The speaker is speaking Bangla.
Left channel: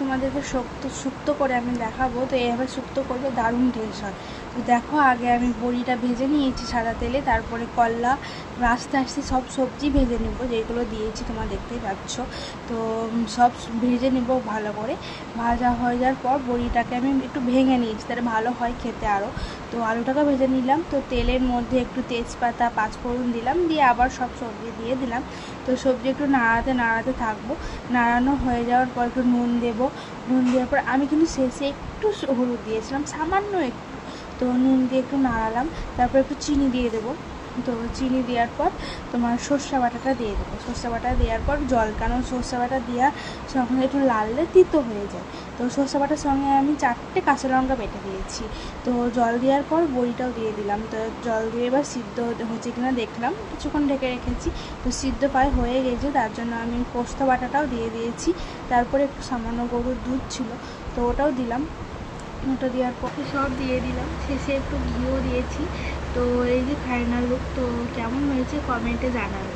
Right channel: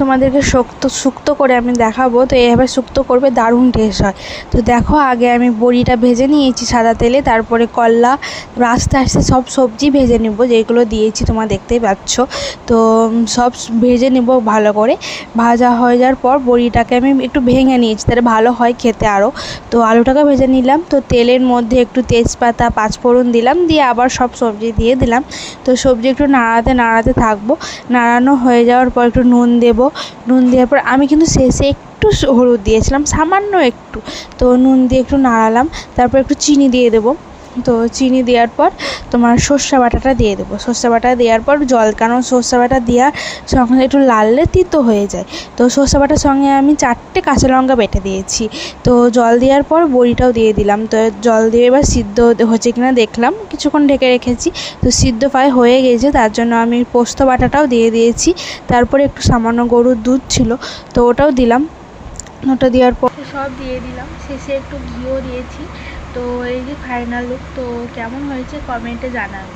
তোমাদেরকে শুক্তো করে আমি দেখাবো। তো এইভাবে শুক্তো করবে, দারুণ টেস্ট হয়। তো দেখো আগে আমি বড়িটা ভেজে নিয়েছি সাদা তেলে, তারপরে করলা, আস্তে আস্তে সব সবজি ভেজে নেব যেগুলো দিয়েছি তোমরা দেখতেই পাচ্ছ। তো সব ভেজে নেব ভালো করে। ভাজা হয়ে যাওয়ার পর বড়িটাকে আমি একটু ভেঙে নিয়েছি, তাহলে ভালো হয় খেতে আরও। তো আলুটাকে ভেজে নিলাম। তো তেলের মধ্যে একটু তেজপাতা, পাঁচফোড়ন দিলাম, দিয়ে আবার সব সবজি দিয়ে দিলাম। তো সবজি একটু নাড়াতে থাকবো। নাড়ানো হয়ে যাওয়ার পর একটু নুন দেবো। নুন দেওয়ার পর আমি কিন্তু শেষে একটু হলুদ দিয়েছিলাম, সামান্য একটু। তো নুন দিয়ে একটু নাড়ালাম, তারপর একটু চিনি দিয়ে দেবো। তো চিনি দেওয়ার পর তোমার সর্ষে বাটাটা দিয়ে দেবো। সর্ষে বাটা দেওয়ার পর জল, কারণ সর্ষে বাটা দেওয়ার সঙ্গে একটু লাললে তিতো হয়ে যায়। তো সর্ষে বাটার সঙ্গে আমি 4টে কাঁচা লঙ্কা বেটে দিয়েছি। তো জল দেওয়ার পর বড়িটাও দিয়ে দিলাম। তো জল দিয়ে এবার সিদ্ধ হচ্ছে কিনা দেখলাম, কিছুক্ষণ ঢেকে রেখেছি। তো সিদ্ধ প্রায় হয়ে গেছে, তার জন্য আমি পোস্ত বাটাটাও দিয়ে দিয়েছি। তারপরে একটু সামান্য গরুর দুধ ছিল, তো ওটাও দিলাম। ওটা দেওয়ার পর সব দিয়ে দিলাম, শেষে একটু ঘিও দিয়েছি। তো এই যে ফাইনাল লুক। তো কেমন হয়েছে কমেন্টে জানাবে।